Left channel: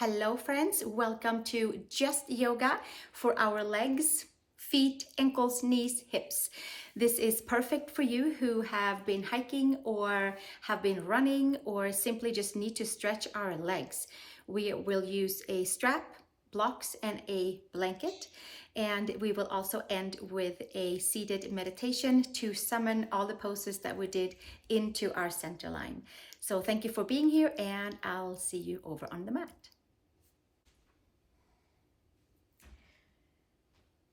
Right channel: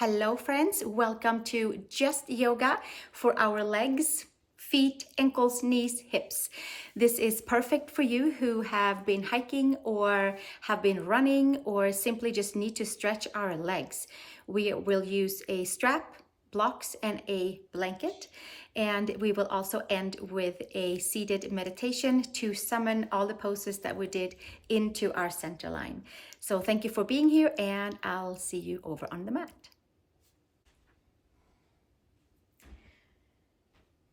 Hello friends, welcome to Just Yoga for our legs, feet, ankles, knees, hips. This is perfect for you who have been hiking or have been running or simply just need to stretch our legs. We will use a strap, blocks, and a blanket. And we will also end with a seated meditation to summon all the poses that we did into our center line. So thank you for being here, and I'll see you over on the mat.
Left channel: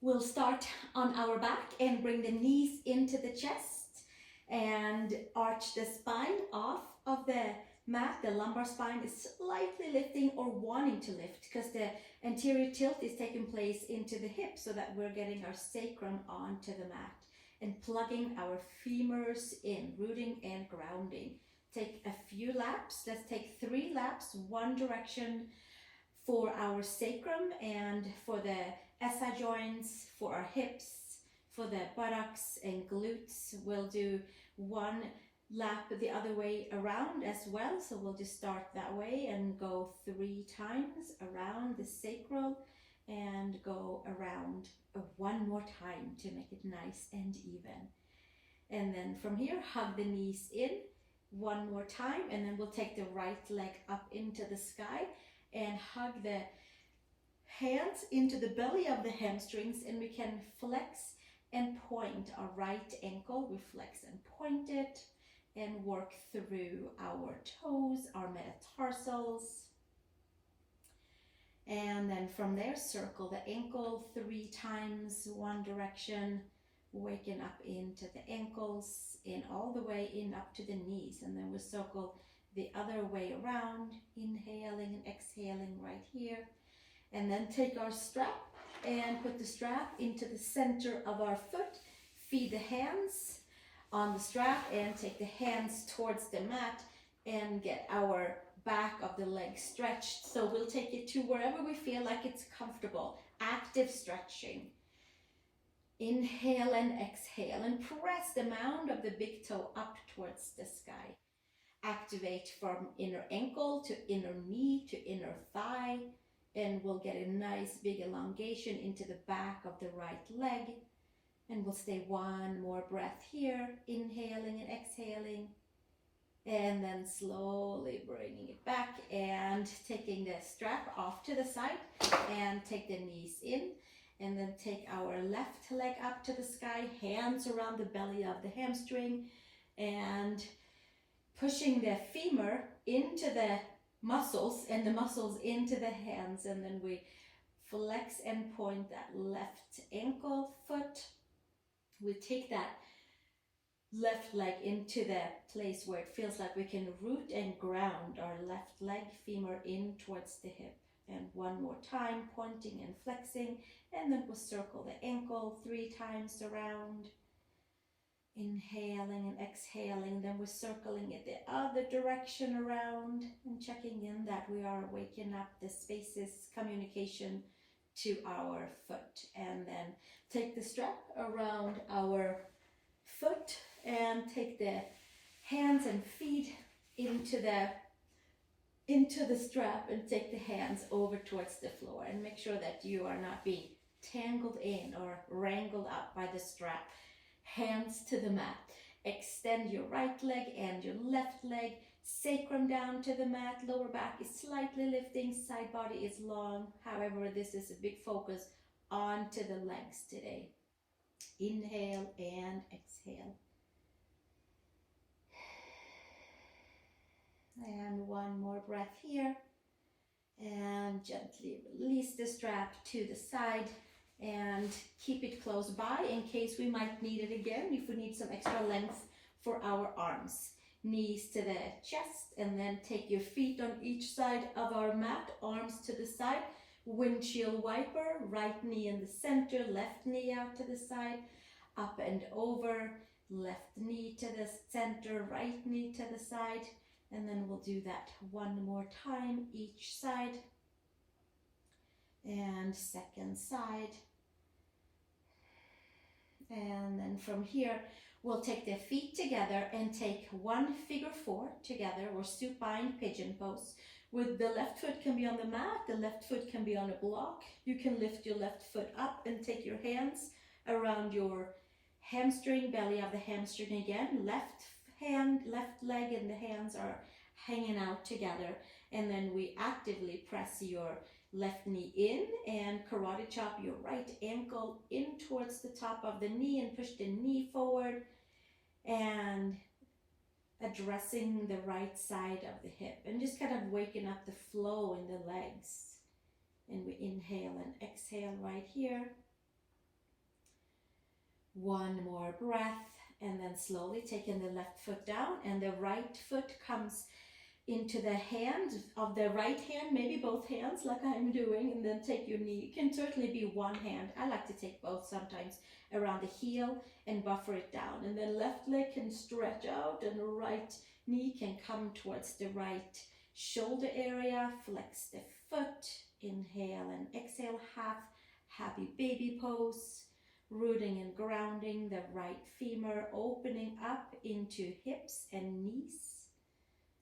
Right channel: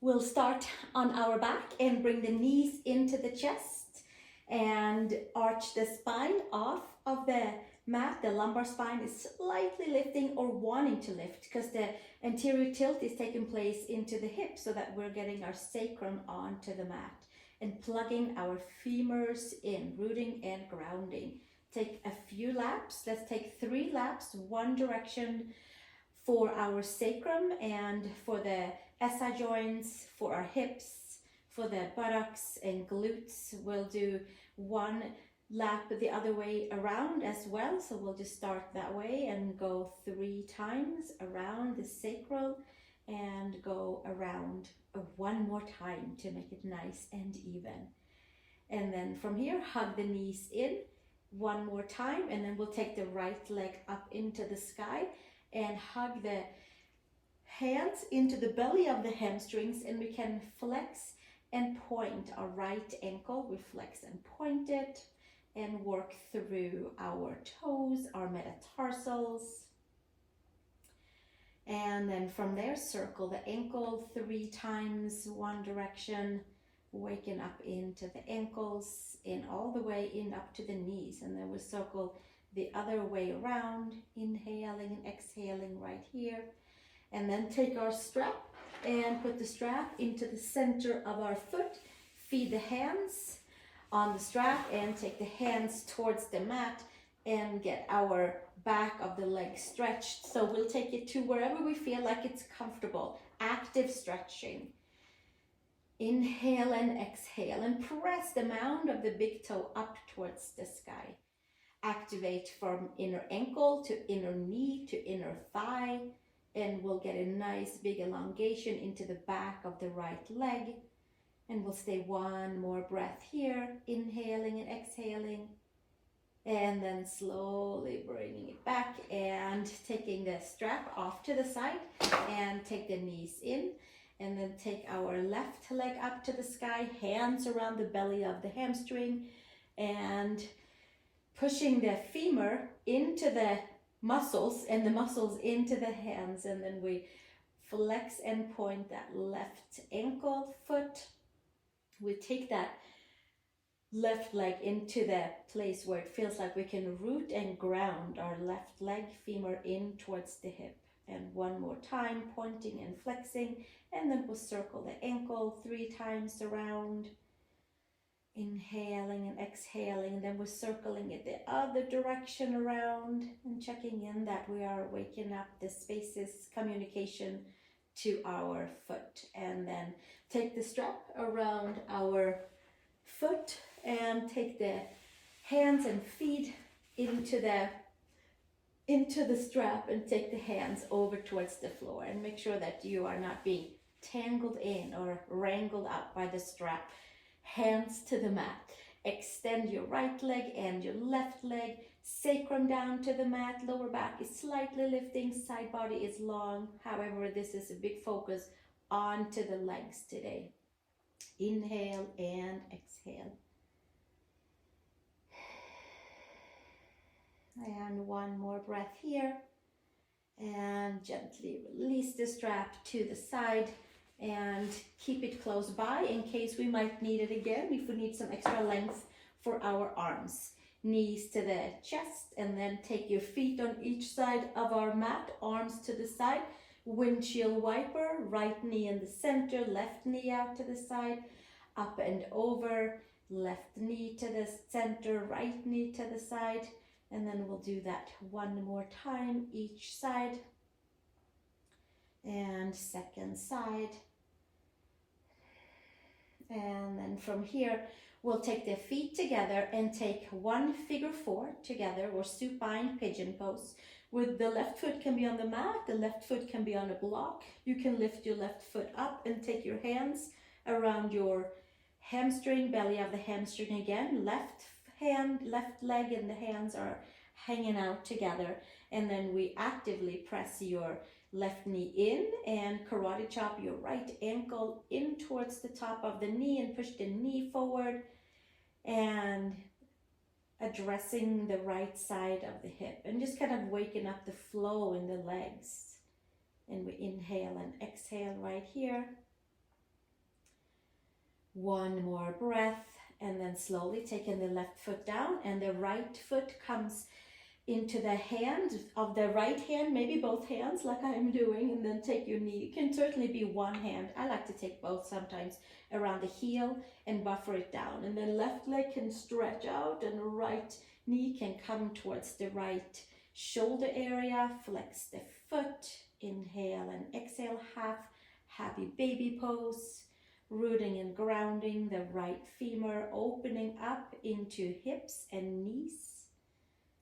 We'll start on our back and bring the knees into the chest and arch the spine off of the mat. The lumbar spine is slightly lifting or wanting to lift because the anterior tilt is taking place into the hip so that we're getting our sacrum onto the mat and plugging our femurs in, rooting and grounding. Take a few laps. Let's take 3 laps, one direction for our sacrum and for the SI joints, for our hips, for the buttocks and glutes. We'll do 1 lap the other way around as well. So we'll just start that way and go 3 times around the sacral and go around 1 more time to make it nice and even. And then from here, hug the knees in 1 more time, and then we'll take the right leg up into the sky and hug the hands into the belly of the hamstrings, and we can flex and point our right ankle. We flex and point it and work through our toes, our metatarsals. And then from there, circle the ankle 3 times, one direction, waking up into the ankles and all the way in up to the knees. And then we circle the other way around, inhaling and exhaling right here. And then take our strap and put the strap into the center of our foot. Feed the hands on the strap and take the hands towards the mat and get our back of the leg stretched. So we'll take it to wherever we feel like it's comfortable. Active stretching. Inhale and exhale and press the mound of the big toe up towards the sky. Activate from inner ankle to inner knee to inner thigh, and we'll get a nice big elongation into the back of the right leg. And we'll stay 1 more breath here, inhaling and exhaling, and then slowly bringing it back and taking the strap off to the side and take the knees in, and then take our left leg up to the sky, hands around the belly of the hamstring, and pushing the femur into the muscles and the muscles into the hands, and then we flex and point that left ankle, foot. We take that left leg into the place where it feels like we can root and ground our left leg, femur in towards the hip. And 1 more time, pointing and flexing, and then we'll circle the ankle 3 times around. Inhaling and exhaling, then we're circling it the other direction around and checking in that we are waking up the spaces, communication to our foot. And then take the strap around our foot and take the hands and feet into the strap and take the hands over towards the floor, and make sure that you are not being tangled in or wrangled up by the strap. Hands to the mat. Extend your right leg and your left leg. Sacrum down to the mat. Lower back is slightly lifting. Side body is long. However, this is a big focus onto the legs today. Inhale and exhale. And 1 more breath here. And gently release the strap to the side. And keep it close by in case we might need it again, if we need some extra length for our arms. Knees to the chest, and then take your feet on each side of our mat, arms to the side. Windshield wiper, right knee in the center, left knee out to the side, up and over, left knee to the center, right knee to the side. And then we'll do that 1 more time each side. And second side. And then from here, we'll take the feet together and take 1 figure 4 together, or supine pigeon pose. with the left foot can be on the mat, the left foot can be on a block. You can lift your left foot up and take your hands around your hamstring, belly of the hamstring again. Left hand, left leg and the hands are hanging out together. And then we actively press your left knee in and karate chop your right ankle in towards the top of the knee and push the knee forward and addressing the right side of the hip and just kind of waking up the flow in the legs. And we inhale and exhale right here. One more breath, and then slowly taking the left foot down and the right foot comes into the hand of the right hand, maybe both hands like I'm doing, and then take your knee. It can certainly be one hand. I like to take both sometimes around the heel and buffer it down. And then left leg can stretch out and the right knee can come towards the right shoulder area. Flex the foot, inhale and exhale, half happy baby pose. Rooting and grounding the right femur, opening up into hips and knees.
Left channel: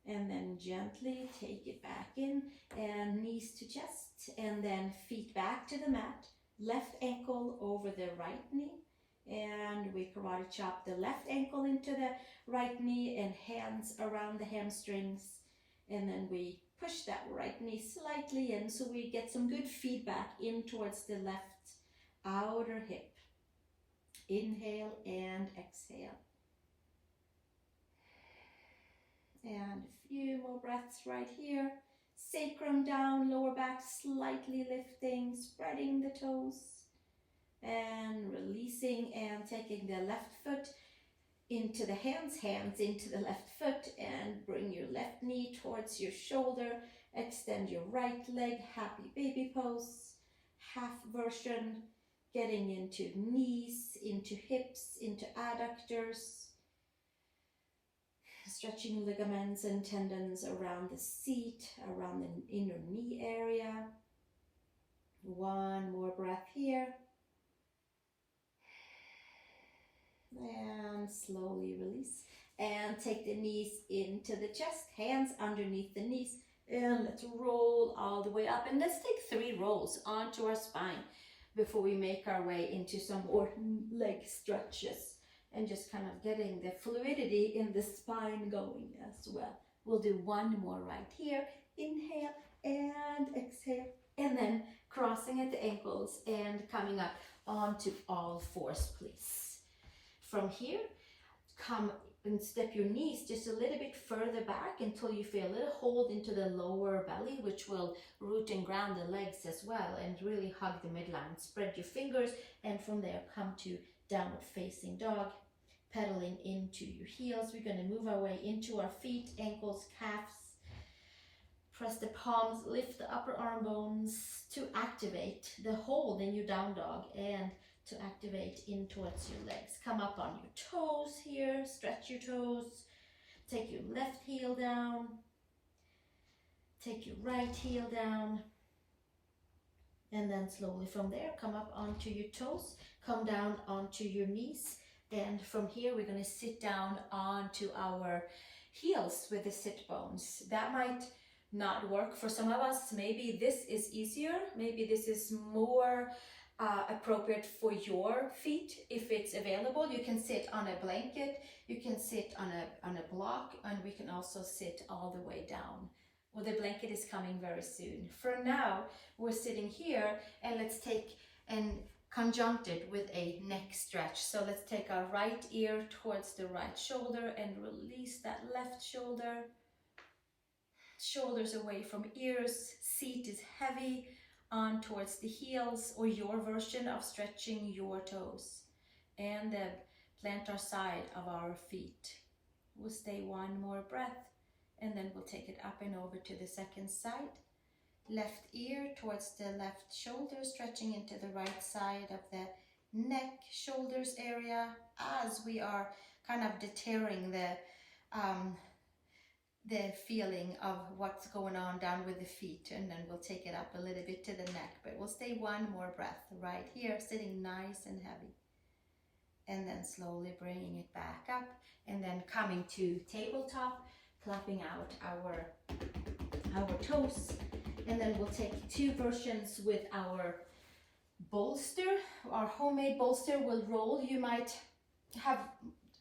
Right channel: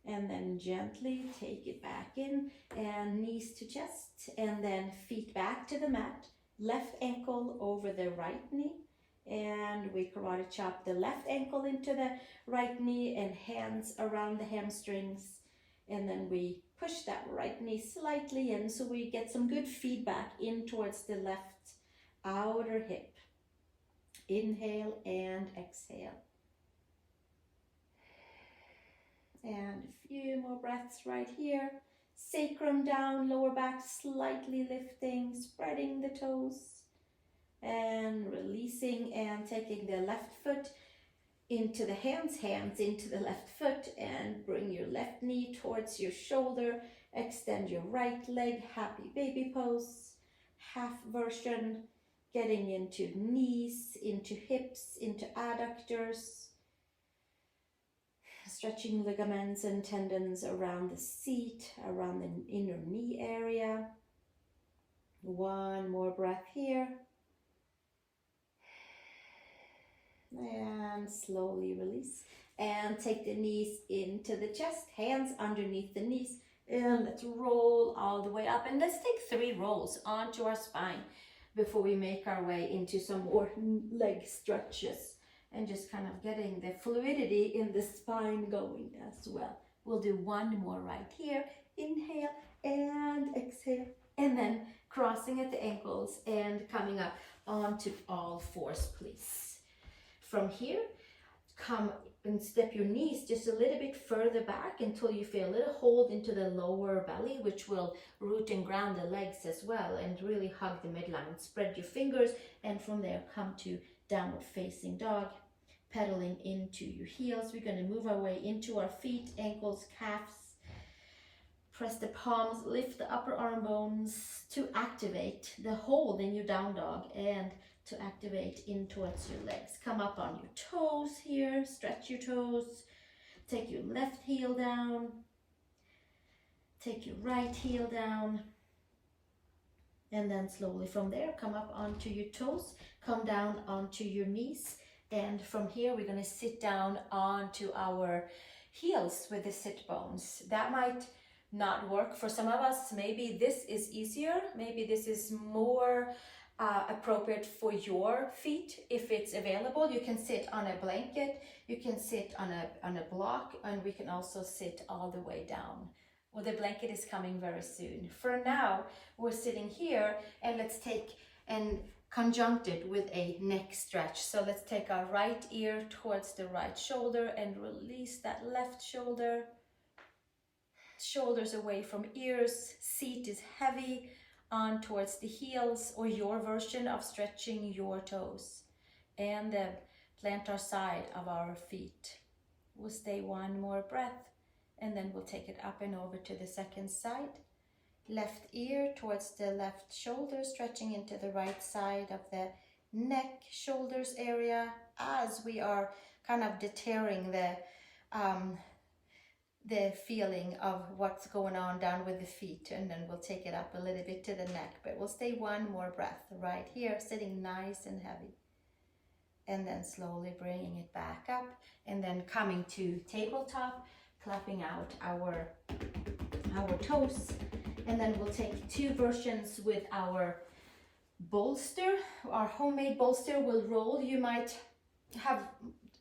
And then gently take it back in and knees to chest and then feet back to the mat. Left ankle over the right knee. And we karate chop the left ankle into the right knee and hands around the hamstrings. And then we push that right knee slightly in so we get some good feedback in towards the left outer hip. Inhale and exhale. And a few more breaths right here. Sacrum down, lower back slightly lifting, spreading the toes. And releasing and taking the left foot into the hands into the left foot. And bring your left knee towards your shoulder. Extend your right leg, happy baby pose. Half version. Getting into knees, into hips, into adductors. Stretching ligaments and tendons around the seat, around the inner knee area. One more breath here. And slowly release. And take the knees into the chest, hands underneath the knees. And let's roll all the way up. And let's take 3 rolls onto our spine before we make our way into some more leg stretches and just kind of getting the fluidity in the spine going as well. We'll do one more right here. Inhale and exhale. And then crossing at the ankles and coming up onto all fours, please. From here, come and step your knees just a little bit further back until you feel a little hold into the lower belly, which will root and ground the legs as well and really hug the midline. Spread your fingers and from there come to downward facing dog, pedaling into your heels. We're going to move our way into our feet, ankles, calves. Press the palms, lift the upper arm bones to activate the hold in your down dog and to activate in towards your legs. Come up on your toes here, stretch your toes. Take your left heel down. Take your right heel down. And then slowly from there, come up onto your toes, come down onto your knees. And from here, we're going to sit down onto our heels with the sit bones. That might not work for some of us. Maybe this is easier. Maybe this is more appropriate for your feet if it's available. You can sit on a blanket, you can sit on a block, and we can also sit all the way down. Well, the blanket is coming very soon. For now, we're sitting here and let's take and conjunct it with a neck stretch. So let's take our right ear towards the right shoulder and release that left shoulder. Shoulders away from ears, seat is heavy on towards the heels or your version of stretching your toes and the plantar side of our feet. We'll stay one more breath and then we'll take it up and over to the second side. Left ear towards the left shoulder, stretching into the right side of the neck, shoulders area as we are kind of deterring the feeling of what's going on down with the feet, and then we'll take it up a little bit to the neck, but we'll stay one more breath right here, sitting nice and heavy, and then slowly bringing it back up, and then coming to tabletop, clapping out our our toes. And then we'll take 2 versions with our bolster, our homemade bolster will roll. You might have,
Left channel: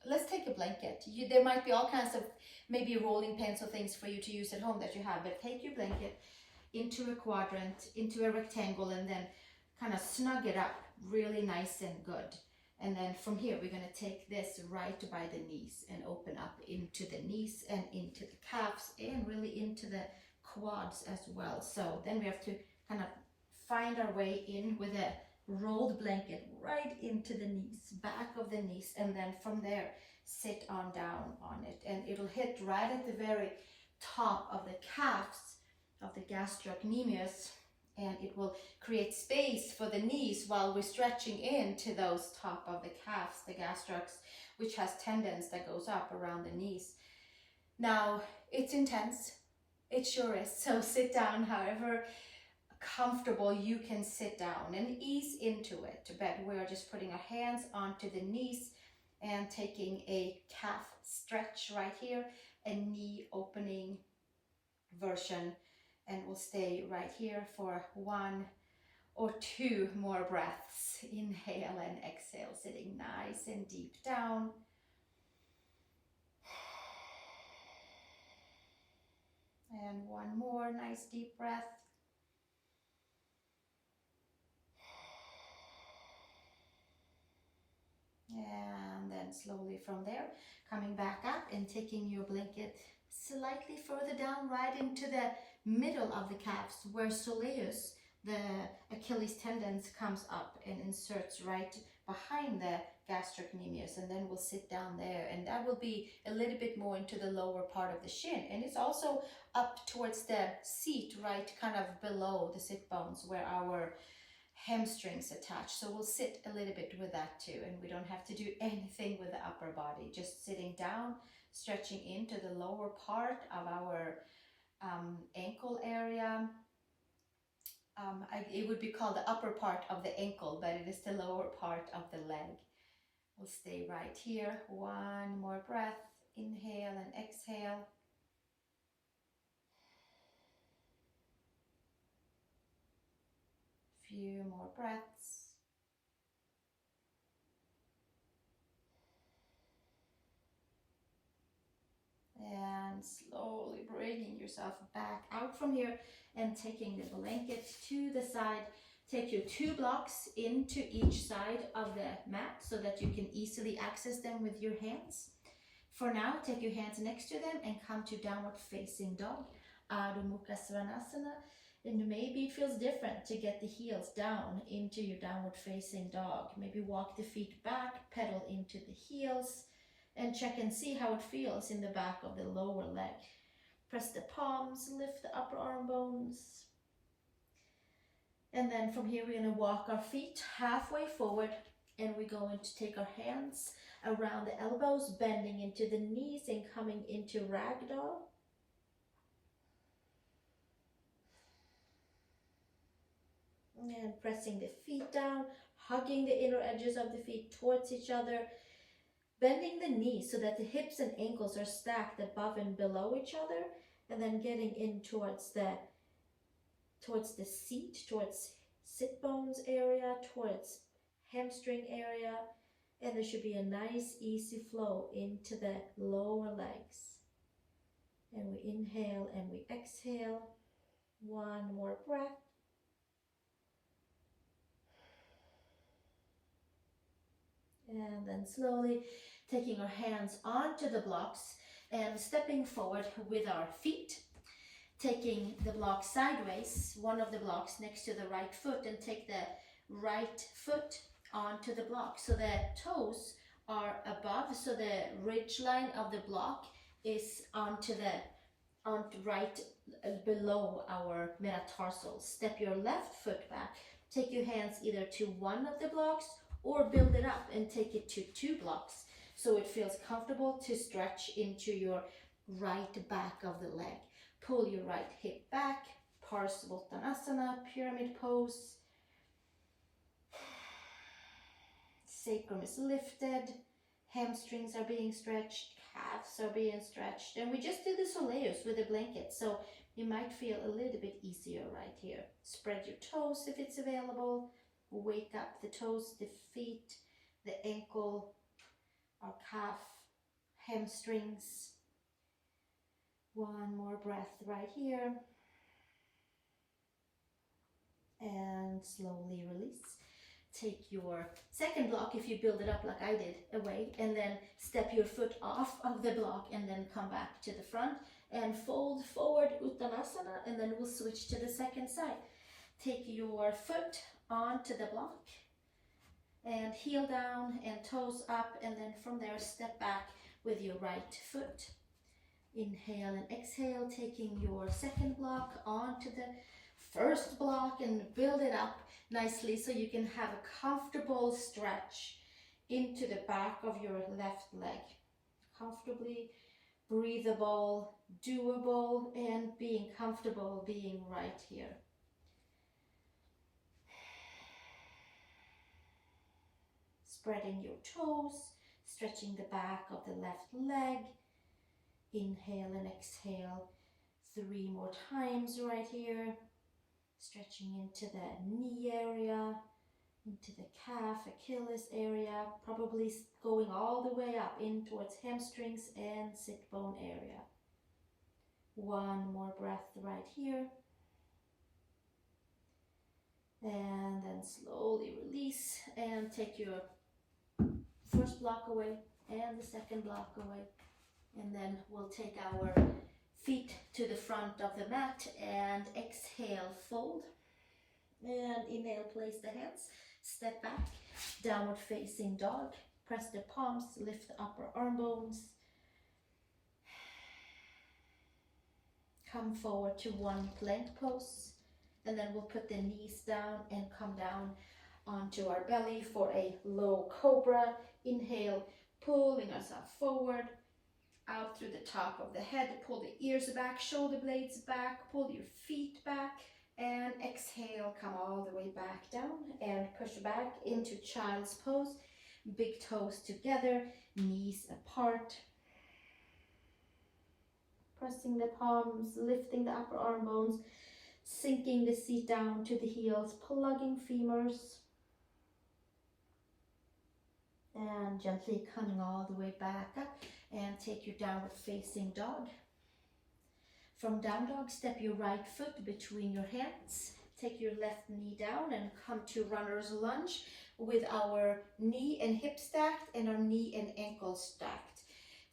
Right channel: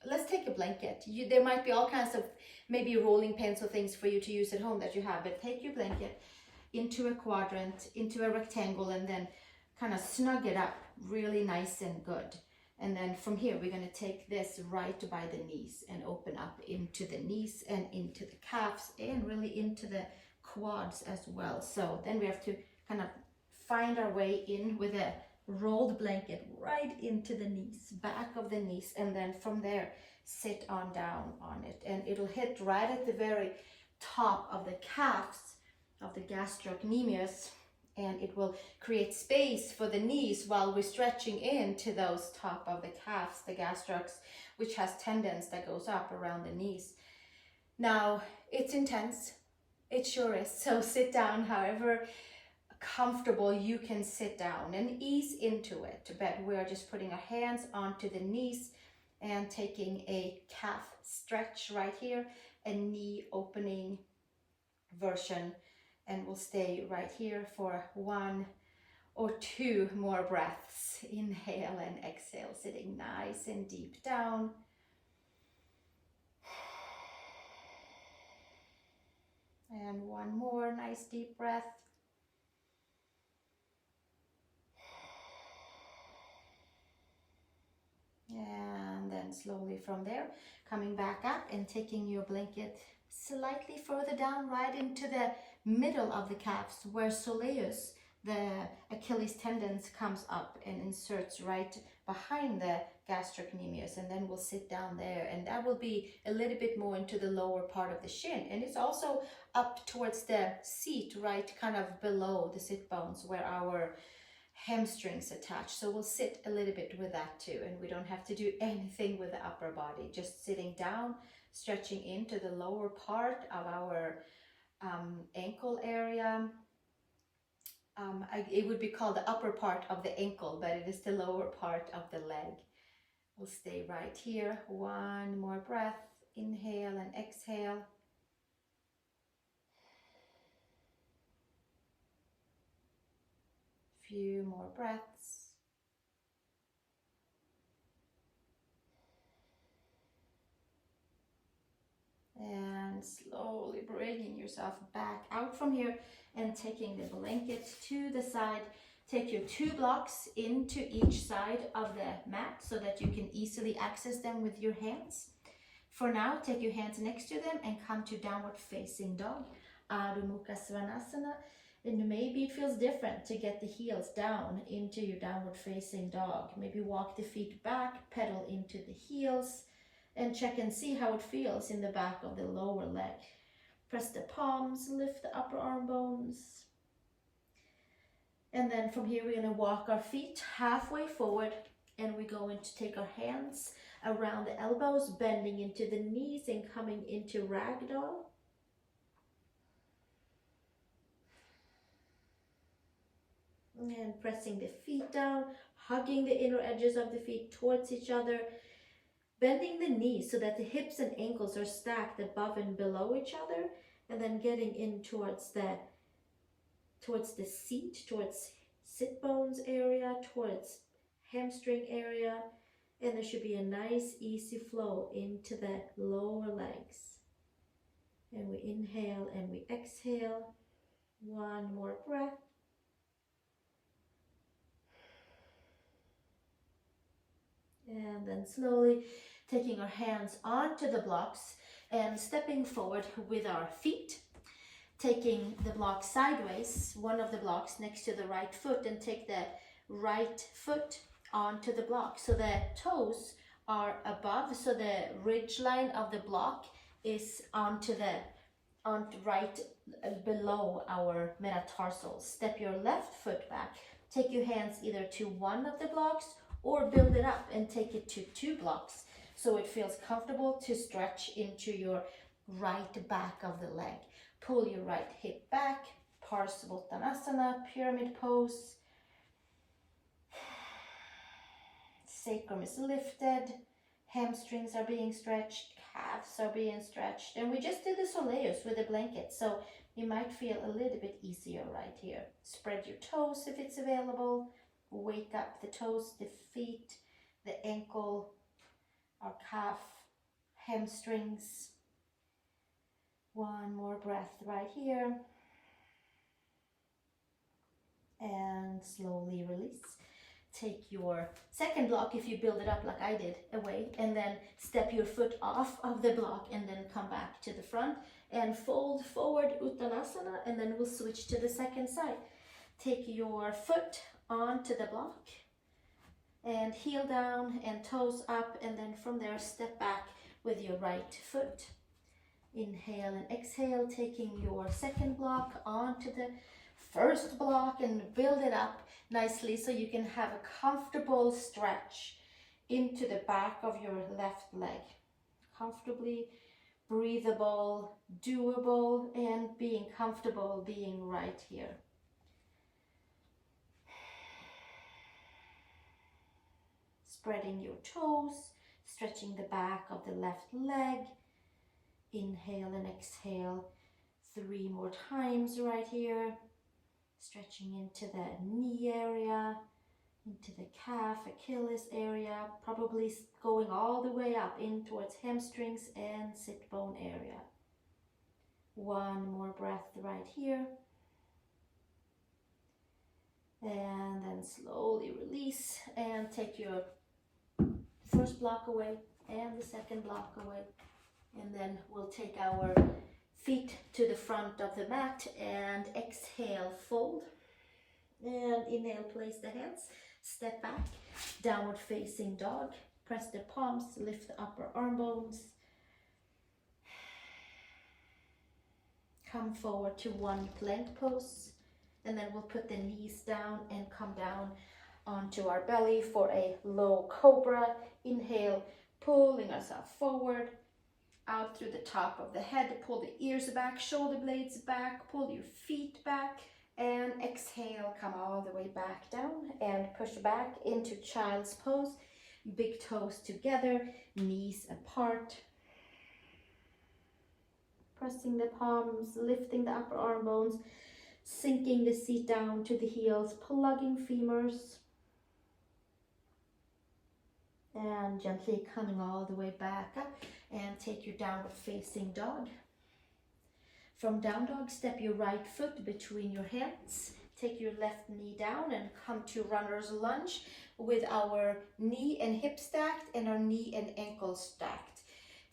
let's take a blanket. There might be all kinds of maybe rolling pins or things for you to use at home that you have, but take your blanket into a quadrant, into a rectangle, and then kind of snug it up really nice and good. And then from here, we're going to take this right by the knees and open up into the knees and into the calves and really into the quads as well. So then we have to kind of find our way in with a rolled blanket right into the knees, back of the knees, and then from there, sit on down on it. And it'll hit right at the very top of the calves of the gastrocnemius, and it will create space for the knees while we're stretching into those top of the calves, the gastrocs, which has tendons that goes up around the knees. Now, it's intense. It sure is. So sit down however comfortable you can sit down and ease into it. But we are just putting our hands onto the knees and taking a calf stretch right here, a knee opening version. And we'll stay right here for 1 or 2 more breaths. Inhale and exhale, sitting nice and deep down. And 1 more nice deep breath. And then slowly from there, coming back up and taking your blanket slightly further down, right into the middle of the calves, where soleus, the Achilles tendons, comes up and inserts right behind the gastrocnemius, and then we'll sit down there, and that will be a little bit more into the lower part of the shin, and it's also up towards the seat, right kind of below the sit bones where our hamstrings attach. So we'll sit a little bit with that too, and we don't have to do anything with the upper body, just sitting down, stretching into the lower part of our ankle area. It would be called the upper part of the ankle, but it is the lower part of the leg. We'll stay right here. 1 more breath. Inhale and exhale. Few more breaths. And slowly bringing yourself back out from here and taking the blanket to the side. Take your 2 blocks into each side of the mat so that you can easily access them with your hands. For now, take your hands next to them and come to downward facing dog, Adho Mukha Svanasana. And maybe it feels different to get the heels down into your downward facing dog. Maybe walk the feet back, pedal into the heels, and check and see how it feels in the back of the lower leg. Press the palms, lift the upper arm bones. And then from here, we're going to walk our feet halfway forward, and we're going to take our hands around the elbows, bending into the knees and coming into ragdoll. And pressing the feet down, hugging the inner edges of the feet towards each other, bending the knees so that the hips and ankles are stacked above and below each other, and then getting in towards the seat, towards sit bones area, towards hamstring area, and there should be a nice easy flow into the lower legs. And we inhale and we exhale. 1 more breath. And then slowly taking our hands onto the blocks and stepping forward with our feet. Taking the block sideways, one of the blocks next to the right foot, and take the right foot onto the block. So the toes are above, so the ridge line of the block is right below our metatarsals. Step your left foot back. Take your hands either to one of the blocks or build it up and take it to 2 blocks. So it feels comfortable to stretch into your right back of the leg. Pull your right hip back, Parsvottanasana, pyramid pose. Sacrum is lifted, hamstrings are being stretched, calves are being stretched. And we just did the soleus with a blanket. So you might feel a little bit easier right here. Spread your toes if it's available. Wake up the toes, the feet, the ankle, or calf, hamstrings. One more breath right here. And slowly release. Take your second block, if you build it up like I did, away, and then step your foot off of the block and then come back to the front and fold forward Uttanasana, and then we'll switch to the second side. Take your foot onto the block and heel down and toes up, and then from there step back with your right foot. Inhale and exhale, taking your second block onto the first block and build it up nicely so you can have a comfortable stretch into the back of your left leg. Comfortably breathable, doable, and being comfortable being right here. Spreading your toes, stretching the back of the left leg. Inhale and exhale 3 more times right here. Stretching into the knee area, into the calf, Achilles area, probably going all the way up in towards hamstrings and sit bone area. 1 more breath right here. And then slowly release and take your first block away and the second block away. And then we'll take our feet to the front of the mat and exhale, fold. And inhale, place the hands, step back, downward facing dog. Press the palms, lift the upper arm bones. Come forward to one plank pose. And then we'll put the knees down and come down onto our belly for a low cobra. Inhale, pulling ourselves forward. Out through the top of the head, pull the ears back, shoulder blades back, pull your feet back, and exhale, come all the way back down and push back into child's pose. Big toes together, knees apart. Pressing the palms, lifting the upper arm bones, sinking the seat down to the heels, plugging femurs. And gently coming all the way back up. And take your downward facing dog. From down dog, step your right foot between your hands. Take your left knee down and come to runner's lunge with our knee and hip stacked and our knee and ankle stacked.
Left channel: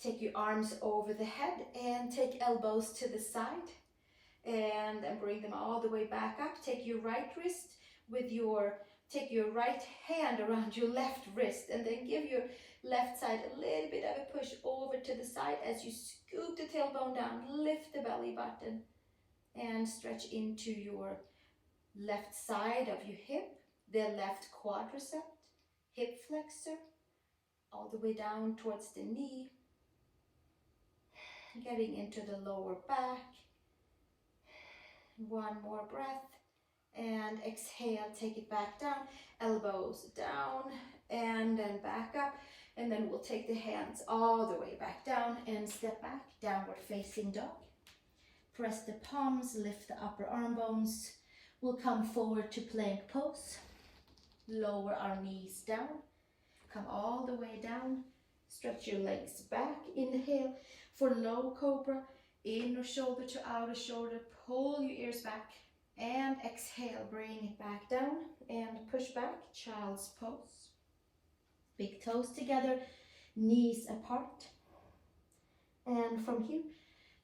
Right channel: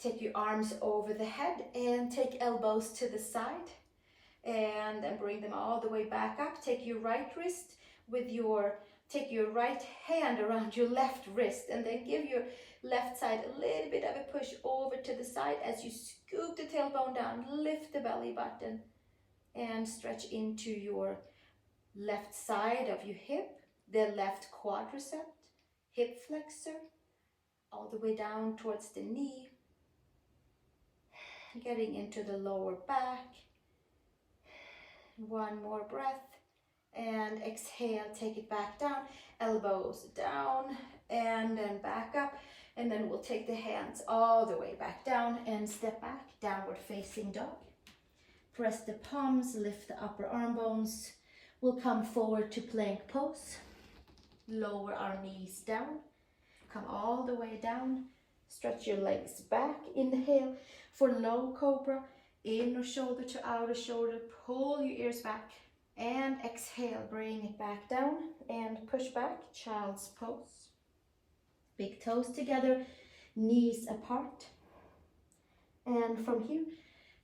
Take your arms over the head and take elbows to the side. And then bring them all the way back up. Take your right wrist with take your right hand around your left wrist, and then give your left side a little bit of a push over to the side as you scoop the tailbone down, lift the belly button, and stretch into your left side of your hip, the left quadricep, hip flexor, all the way down towards the knee, getting into the lower back. 1 more breath. And exhale, take it back down, elbows down, and then back up. And then we'll take the hands all the way back down and step back, downward facing dog. Press the palms, lift the upper arm bones. We'll come forward to plank pose. Lower our knees down, come all the way down. Stretch your legs back, inhale for low cobra. Inner shoulder to outer shoulder, pull your ears back. And exhale, bring it back down and push back, child's pose. Big toes together, knees apart. And from here,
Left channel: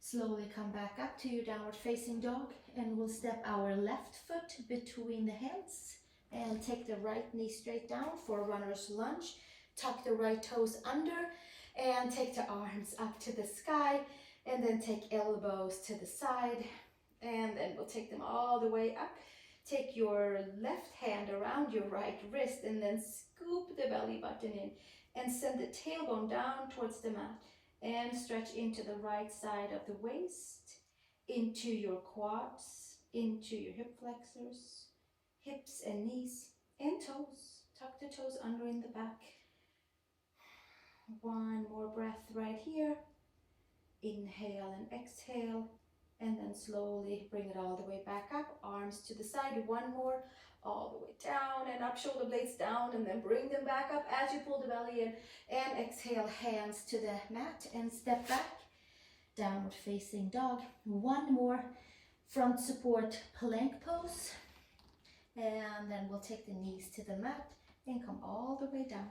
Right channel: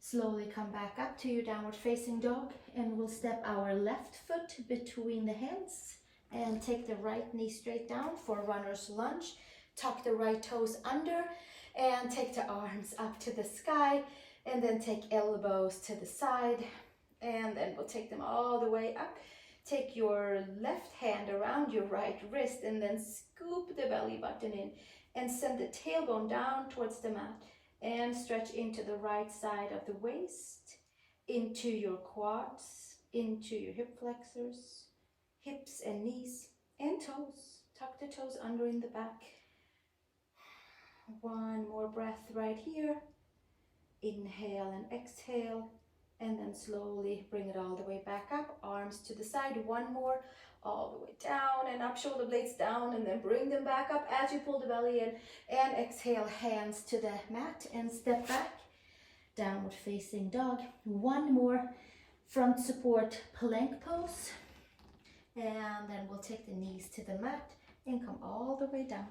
slowly come back up to your downward facing dog, and we'll step our left foot between the hands and take the right knee straight down for runner's lunge. Tuck the right toes under and take the arms up to the sky, and then take elbows to the side. And then we'll take them all the way up. Take your left hand around your right wrist and then scoop the belly button in and send the tailbone down towards the mat and stretch into the right side of the waist, into your quads, into your hip flexors, hips and knees and toes. Tuck the toes under in the back. 1 more breath right here. Inhale and exhale. And then slowly bring it all the way back up, arms to the side, one more, all the way down and up, shoulder blades down, and then bring them back up as you pull the belly in, and exhale, hands to the mat and step back, downward facing dog. One more front support plank pose, and then we'll take the knees to the mat and come all the way down,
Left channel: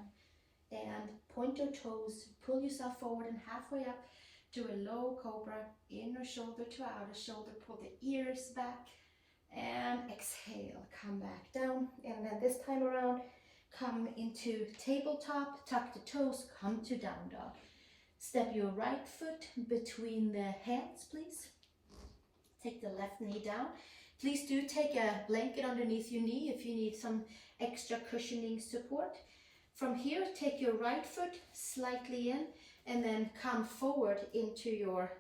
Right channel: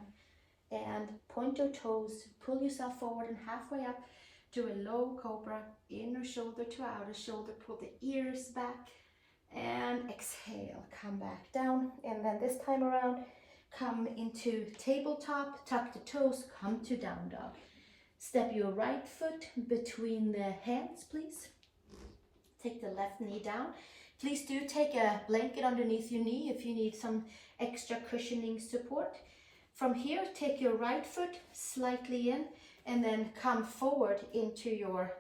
and point your toes, pull yourself forward and halfway up. Do a low cobra, inner shoulder to outer shoulder, pull the ears back, and exhale, come back down. And then this time around, come into tabletop, tuck the toes, come to down dog. Step your right foot between the hands, please. Take the left knee down. Please do take a blanket underneath your knee if you need some extra cushioning support. From here, take your right foot slightly in, and then come forward into your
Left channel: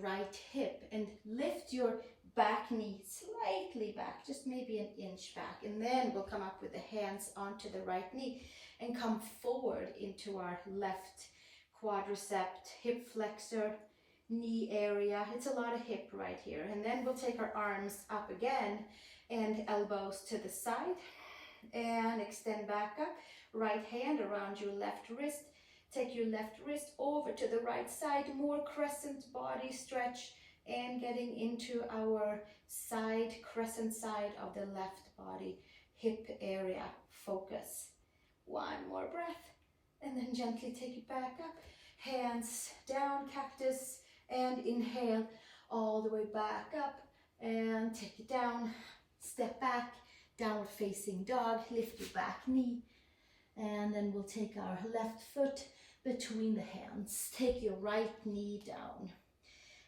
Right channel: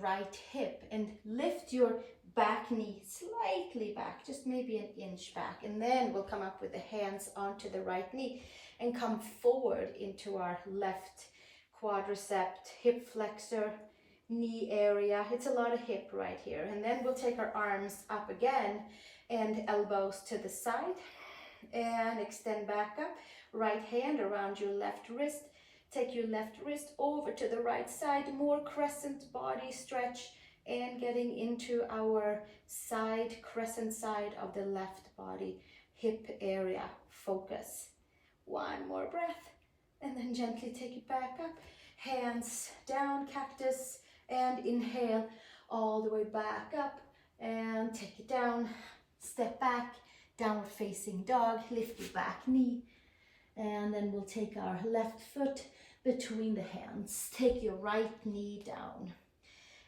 right hip, and lift your back knee slightly back, just maybe an inch back, and then we'll come up with the hands onto the right knee and come forward into our left quadricep, hip flexor, knee area. It's a lot of hip right here. And then we'll take our arms up again and elbows to the side and extend back up. Right hand around your left wrist. Take your left wrist over to the right side, more crescent body stretch, and getting into our side, crescent side of the left body, hip area, focus. One more breath, and then gently take it back up. Hands down, cactus, and inhale all the way back up, and take it down, step back, downward facing dog, lift your back knee, and then we'll take our left foot between the hands. Take your right knee down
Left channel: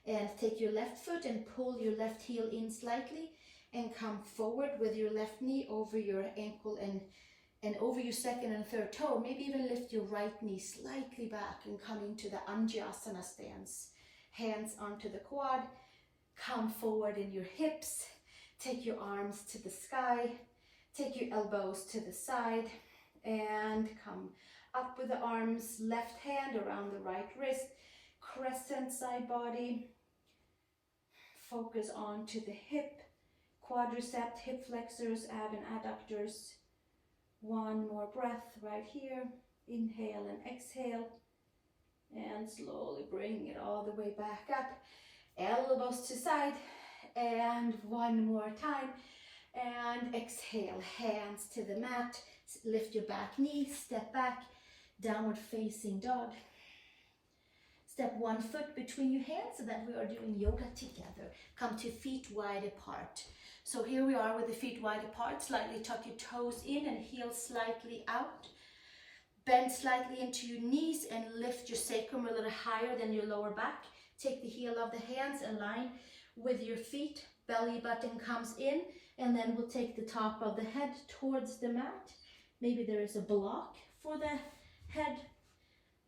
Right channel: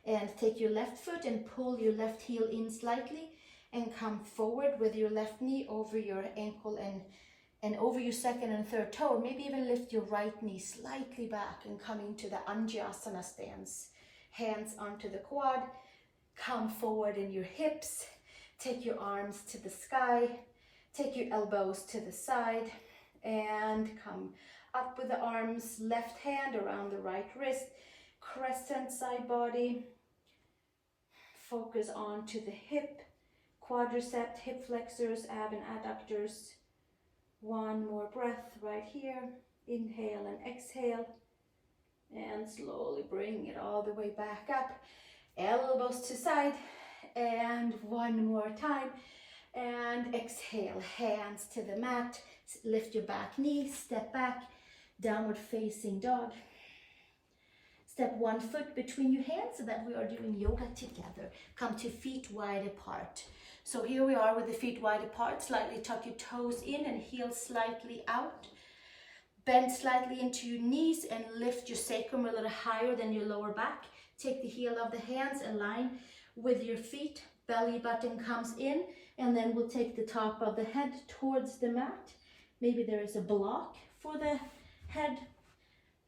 and take your left foot and pull your left heel in slightly and come forward with your left knee over your ankle and over your second and third toe. Maybe even lift your right knee slightly back and come into the Anjasana stance. Hands onto the quad, come forward in your hips, take your arms to the sky, take your elbows to the side, and come up with the arms, left hand around the right wrist, crescent side body. Focus onto the hip, quadricep, hip flexors, ab and adductors. One more breath right here. Inhale and exhale. And slowly bring it all the way back up. Elbows to side. And one more time. And exhale, hands to the mat. Lift your back knee, step back. Downward facing dog. Step one foot between your hands so that we are doing yoga together. Come to feet wide apart. So here we are with the feet wide apart. Slightly tuck your toes in and heels slightly out. Bend slightly into your knees and lift your sacrum a little higher than your lower back. Take the heel of the hands, align with your feet. Belly button comes in, and then we'll take the top of the head towards the mat. Maybe there is a block for the head,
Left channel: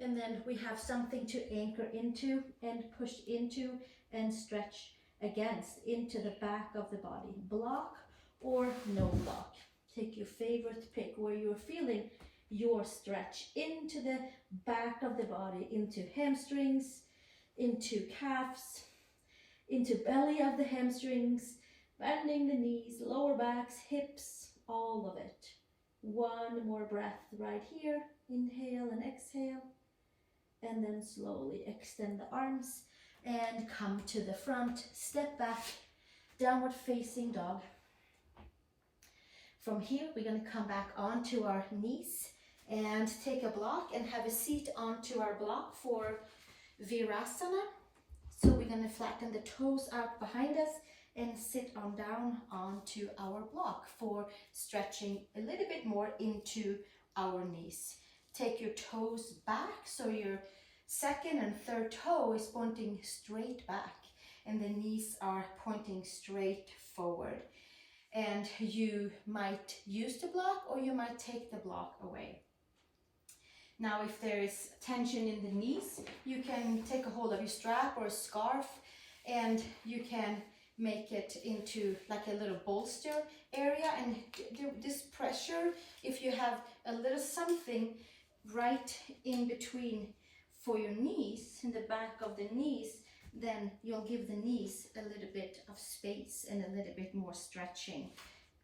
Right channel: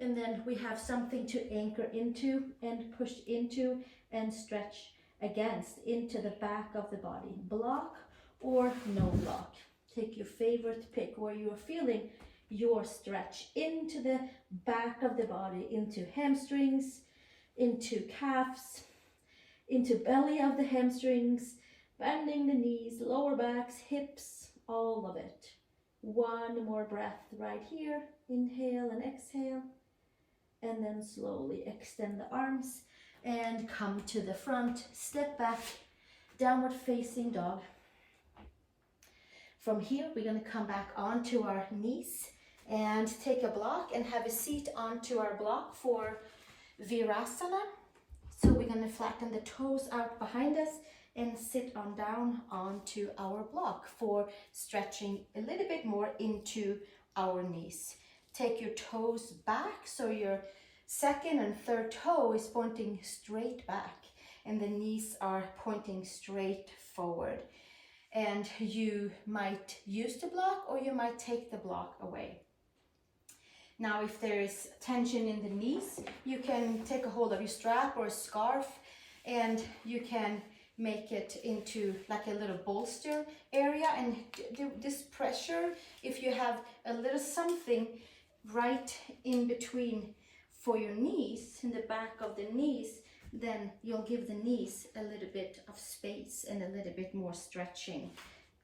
and then we have something to anchor into and push into and stretch against into the back of the body. Block or no block. Take your favorite pick where you're feeling your stretch into the back of the body, into hamstrings, into calves, into belly of the hamstrings, bending the knees, lower backs, hips, all of it. One more breath right here. Inhale and exhale. And then slowly extend the arms and come to the front. Step back, downward facing dog. From here, we're going to come back onto our knees and take a block and have a seat onto our block for Virasana. So we're going to flatten the toes out behind us and sit on down onto our block for stretching a little bit more into our knees. Take your toes back so your second and third toe is pointing straight back and the knees are pointing straight forward. And you might use the block or you might take the block away. Now, if there is tension in the knees, you can take a hold of your strap or a scarf and you can make it into like a little bolster area and do this pressure. If you have a little something right in between for your knees, in the back of the knees, then you'll give the knees a little bit of space and a little bit more stretching,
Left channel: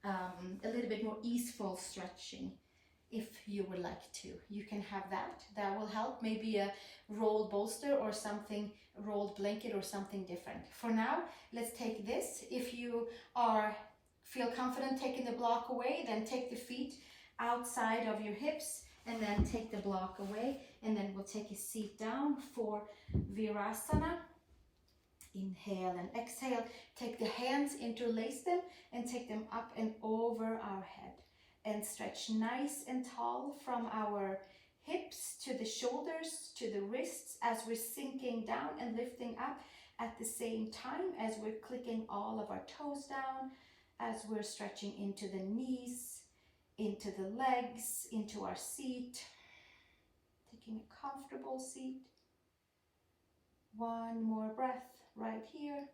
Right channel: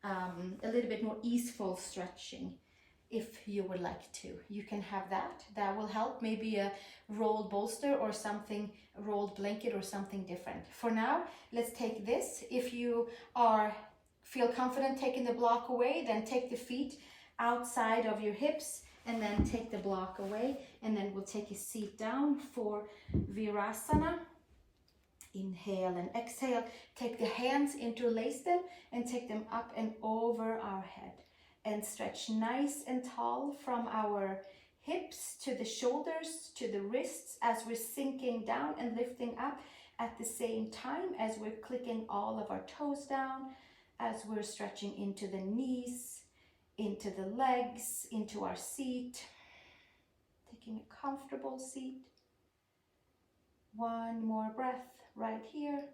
a little bit more easeful stretching. If you would like to, you can have that. That will help. Maybe a rolled bolster or something, a rolled blanket or something different. For now, let's take this. If you feel confident taking the block away, then take the feet outside of your hips and then take the block away. And then we'll take a seat down for Virasana. Inhale and exhale. Take the hands, interlace them, and take them up and over our head. And stretch nice and tall from our hips to the shoulders, to the wrists, as we're sinking down and lifting up at the same time as we're clicking all of our toes down, as we're stretching into the knees, into the legs, into our seat. Taking a comfortable seat. One more breath right here.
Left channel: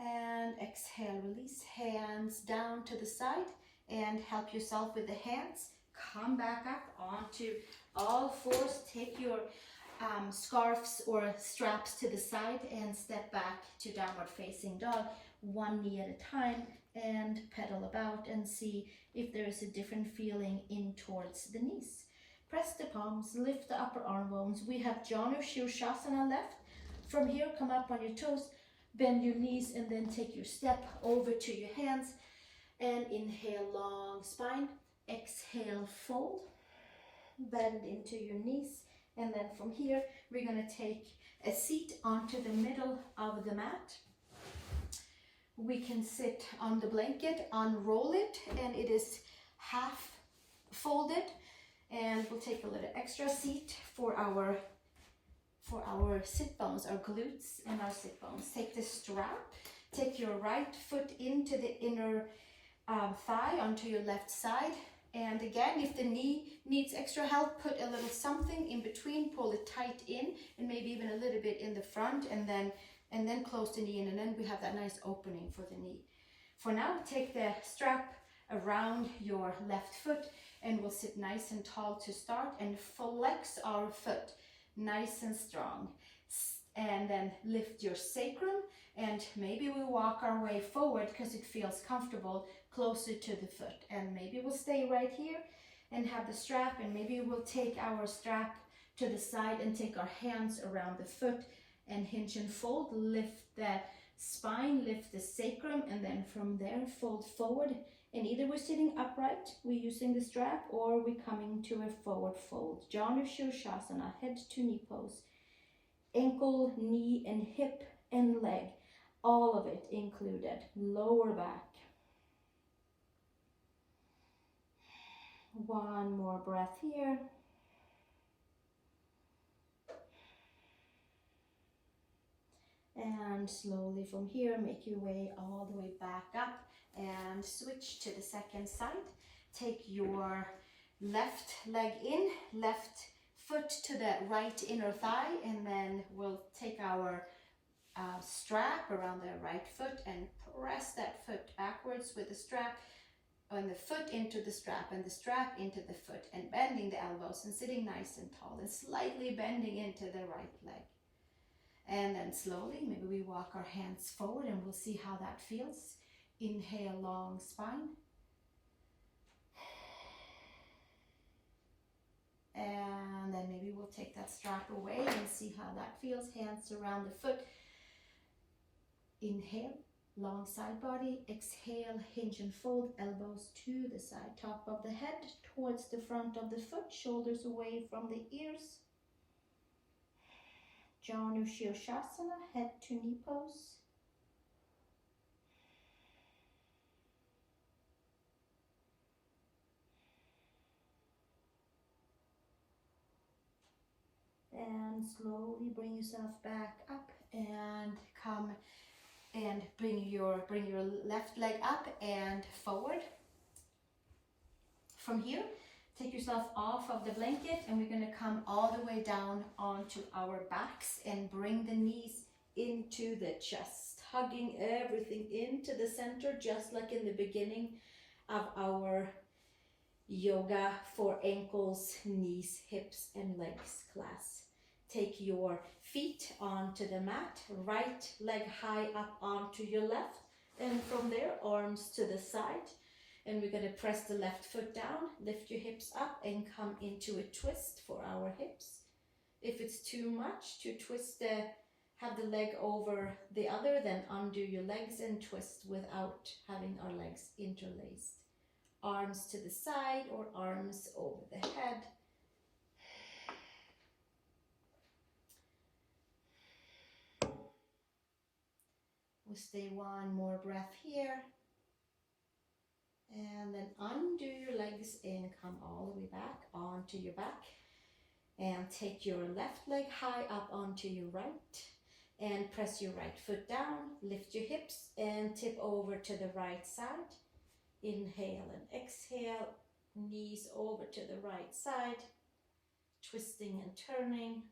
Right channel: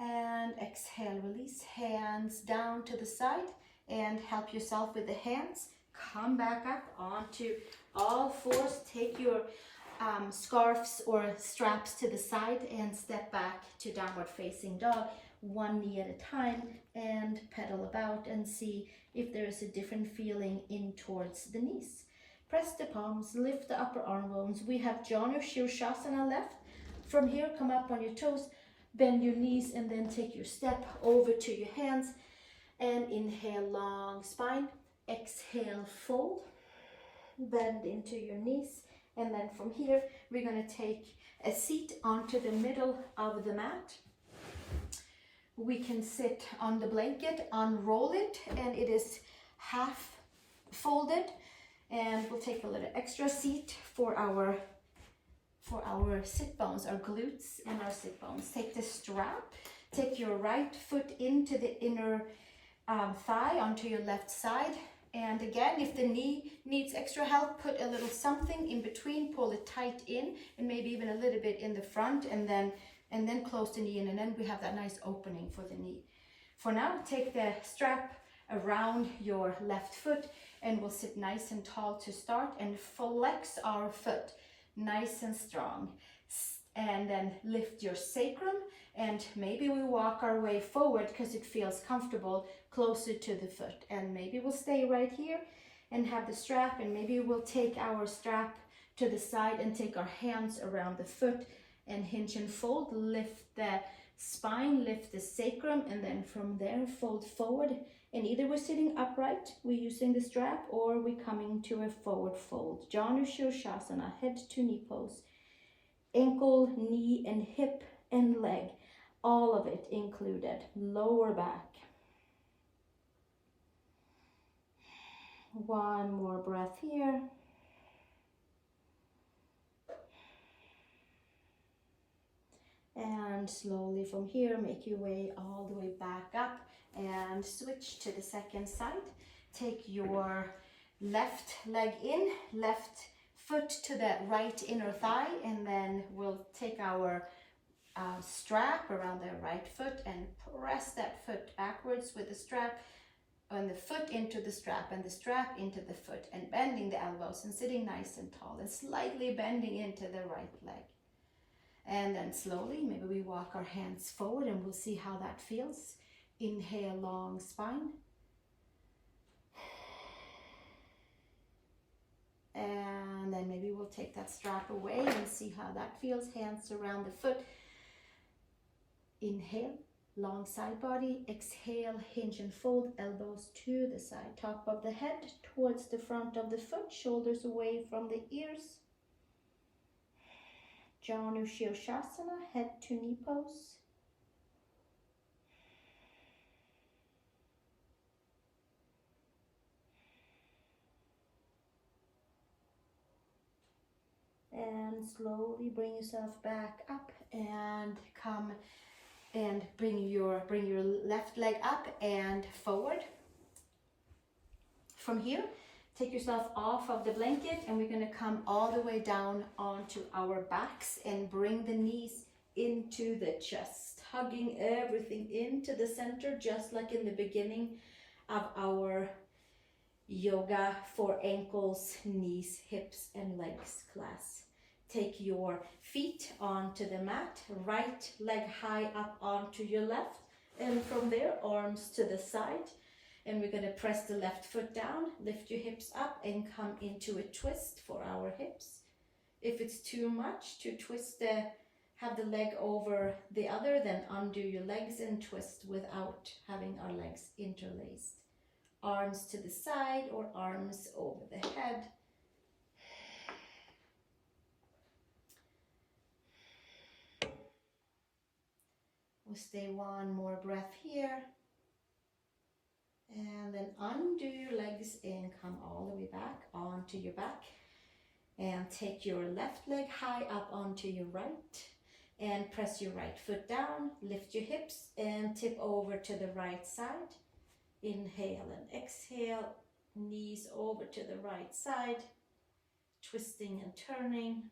And exhale, release. Hands down to the side. And help yourself with the hands. Come back up onto all fours. Take your scarves or straps to the side and step back to downward facing dog. One knee at a time, and pedal about and see if there is a different feeling in towards the knees. Press the palms, lift the upper arm bones. We have Janu Shirshasana left. From here, come up on your toes, bend your knees, and then take your step over to your hands. And inhale, long spine. Exhale, fold. Bend into your knees. And then from here, we're going to take a seat onto the middle of the mat. We can sit on the blanket, unroll it, and it is half folded. And we'll take a little extra seat for our sit bones, our glutes and our sit bones. Take the strap. Take your right foot into the inner thigh onto your left side. And again, if the knee needs extra help, put a little something in between, pull it tight in, and maybe even a little bit in the front, and then close the knee in, and then we have that nice opening for the knee. For now, take the strap around your left foot, and we'll sit nice and tall to start and flex our foot nice and strong. And then lift your sacrum, and maybe we walk our way forward because it feels comfortable closer to the foot. And maybe we'll stay right here and have the strap, and maybe we'll take our strap to the side and take our hands around the foot and hinge and fold. Lift the spine, lift the sacrum, and then from there fold forward. And either we're sitting upright, we're using the strap, or we're coming to a forward fold. Janu Shirshasana, head to knee pose. Ankle, knee, and hip and leg, all of it included. Lower back. One more breath here. And slowly from here, make your way all the way back up and switch to the second side. Take your left leg in, left foot to the right inner thigh, and then we'll take our strap around the right foot and press that foot backwards with the strap, and the foot into the strap, and the strap into the foot, and bending the elbows and sitting nice and tall and slightly bending into the right leg. And then slowly, maybe we walk our hands forward and we'll see how that feels. Inhale, long spine. And then maybe we'll take that strap away and see how that feels. Hands around the foot. Inhale, long side body. Exhale, hinge and fold, elbows to the side. Top of the head towards the front of the foot, shoulders away from the ears. Janu Shirshasana, head to knee pose. And slowly bring yourself back up and come and bring your left leg up and forward. From here, take yourself off of the blanket, and we're going to come all the way down onto our backs and bring the knees into the chest, hugging everything into the center, just like in the beginning of our yoga for ankles, knees, hips, and legs class. Take your feet onto the mat, right leg high up onto your left, and from there arms to the side. And we're going to press the left foot down, lift your hips up and come into a twist for our hips. If it's too much to twist have the leg over the other, then undo your legs and twist without having our legs interlaced. Arms to the side or arms over the head. We'll stay one more breath here. And then undo your legs and come all the way back onto your back. And take your left leg high up onto your right. And press your right foot down. Lift your hips and tip over to the right side. Inhale and exhale. Knees over to the right side. Twisting and turning.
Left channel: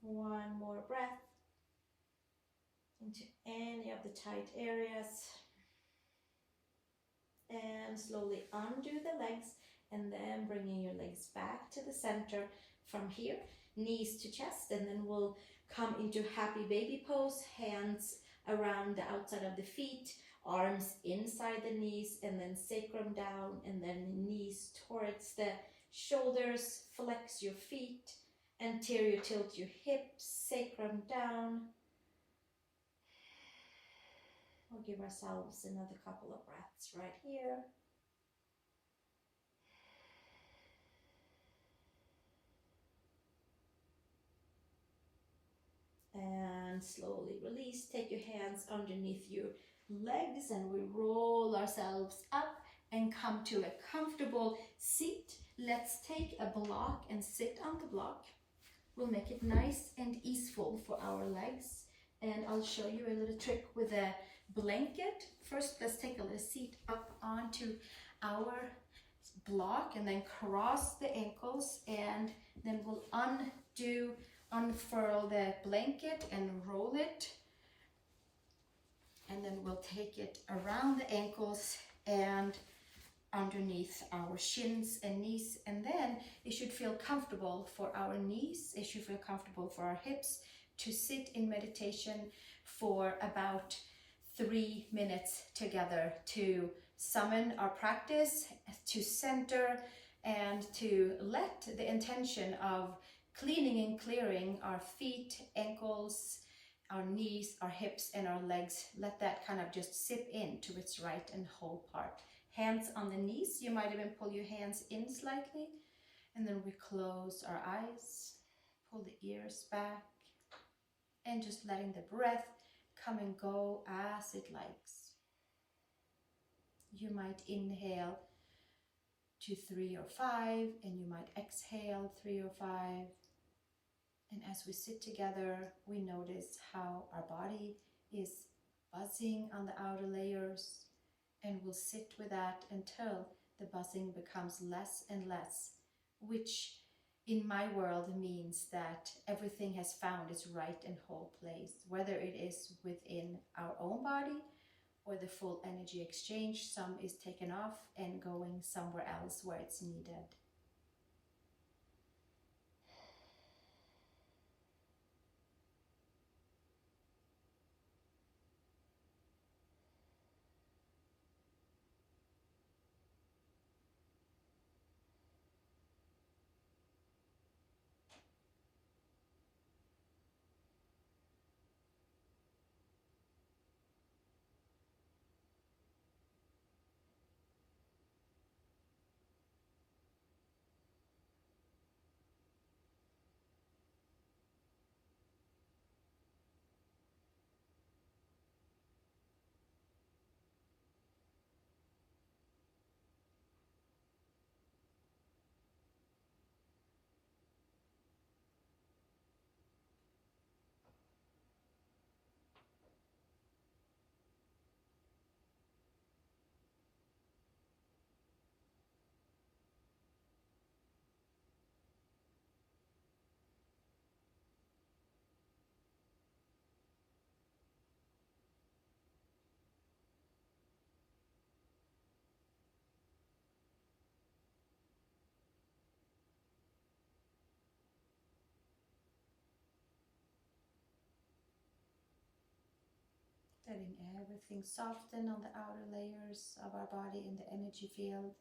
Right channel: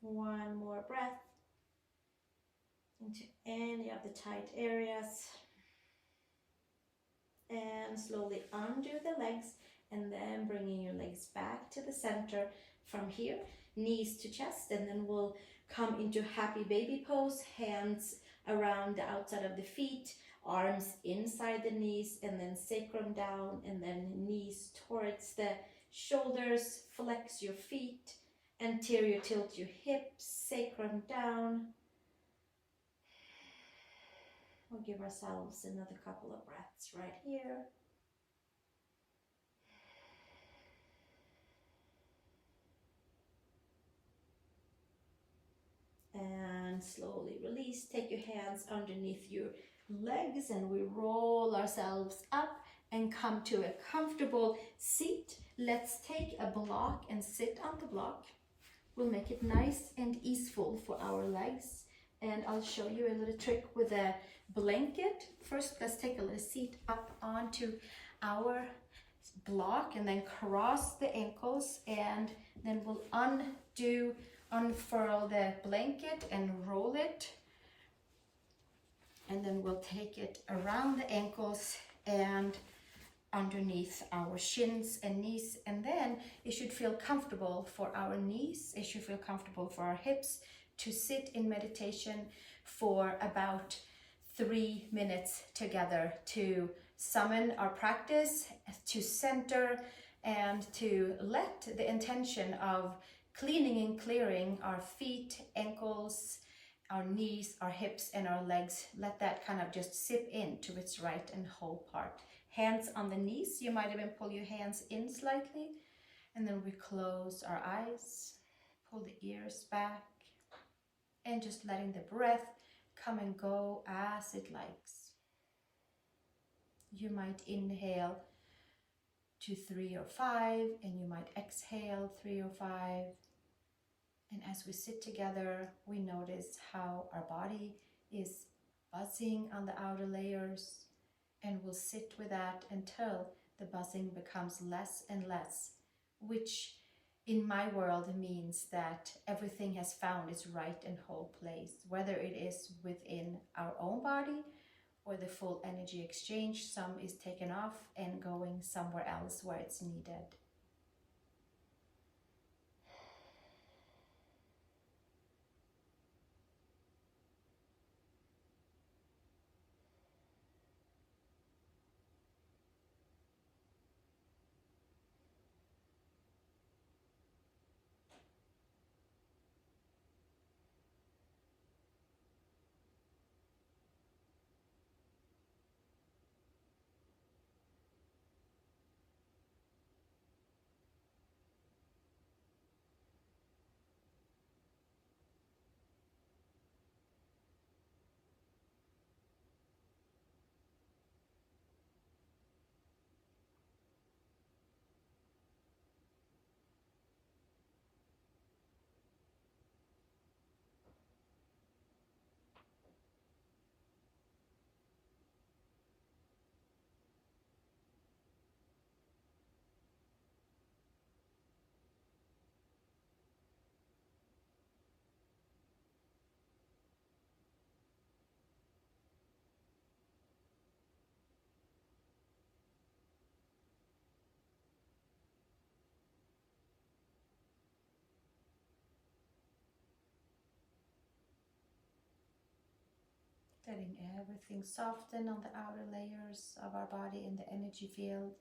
One more breath into any of the tight areas. And slowly undo the legs and then bringing your legs back to the center from here, knees to chest, and then we'll come into happy baby pose, hands around the outside of the feet, arms inside the knees, and then sacrum down, and then knees towards the shoulders, flex your feet, anterior tilt your hips, sacrum down. We'll give ourselves another couple of breaths right here. And slowly release. Take your hands underneath your legs and we roll ourselves up and come to a comfortable seat. Let's take a block and sit on the block. We'll make it nice and easeful for our legs. And I'll show you a little trick with a blanket. First, let's take a little seat up onto our block and then cross the ankles, and then we'll unfurl the blanket and roll it, and then we'll take it around the ankles and underneath our shins and knees, and then it should feel comfortable for our knees, it should feel comfortable for our hips to sit in meditation for about 3 minutes together to summon our practice, to center, and to let the intention of cleaning and clearing our feet, ankles, our knees, our hips, and our legs, let that kind of just sip into its right and whole part. Hands on the knees, you might even pull your hands in slightly, and then we close our eyes, pull the ears back, and just letting the breath come and go as it likes. You might inhale to 3 or 5, and you might exhale 3 or 5. And as we sit together, we notice how our body is buzzing on the outer layers, and we'll sit with that until the buzzing becomes less and less, which in my world means that everything has found its right and whole place, whether it is within our own body or the full energy exchange. Some is taken off and going somewhere else where it's needed. letting everything soften on the outer layers of our body in the energy field.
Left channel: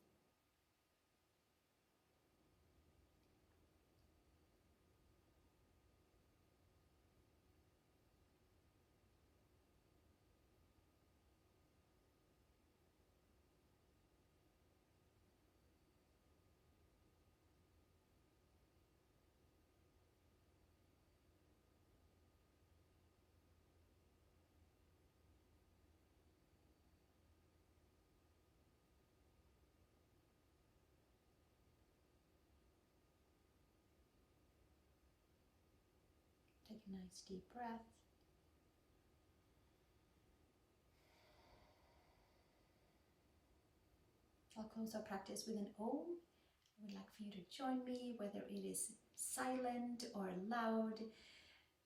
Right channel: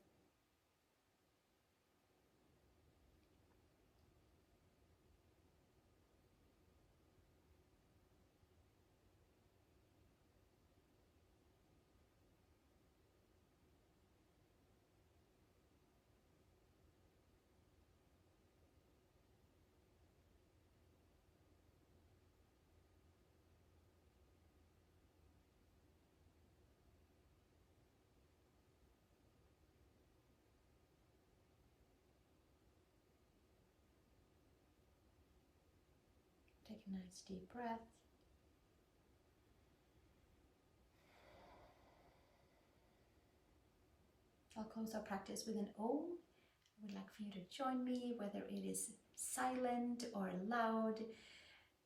Take a nice deep breath. I'll close our practice with an Om. I would like for you to join me, whether it is silent or loud,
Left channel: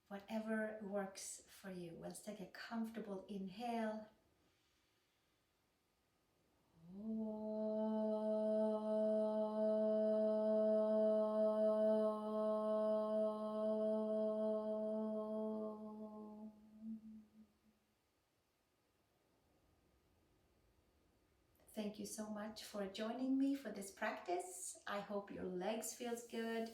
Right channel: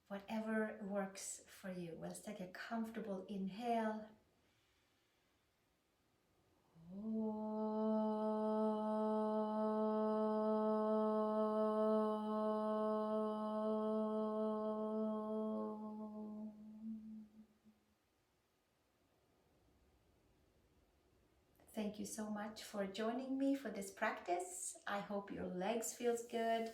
whatever works for you. Let's take a comfortable inhale. Thank you so much for joining me for this practice. I hope your legs feels good.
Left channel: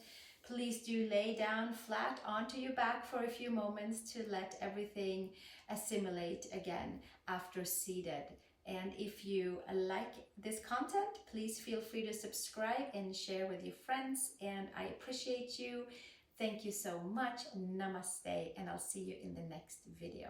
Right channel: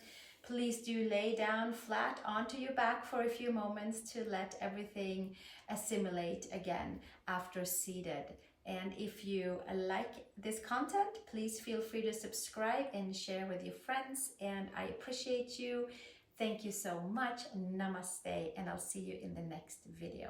Please do lay down flat onto your back for a few moments to let everything assimilate again after seated. And if you like this content, please feel free to subscribe and share with your friends. And I appreciate you. Thank you so much. Namaste, and I'll see you in the next video.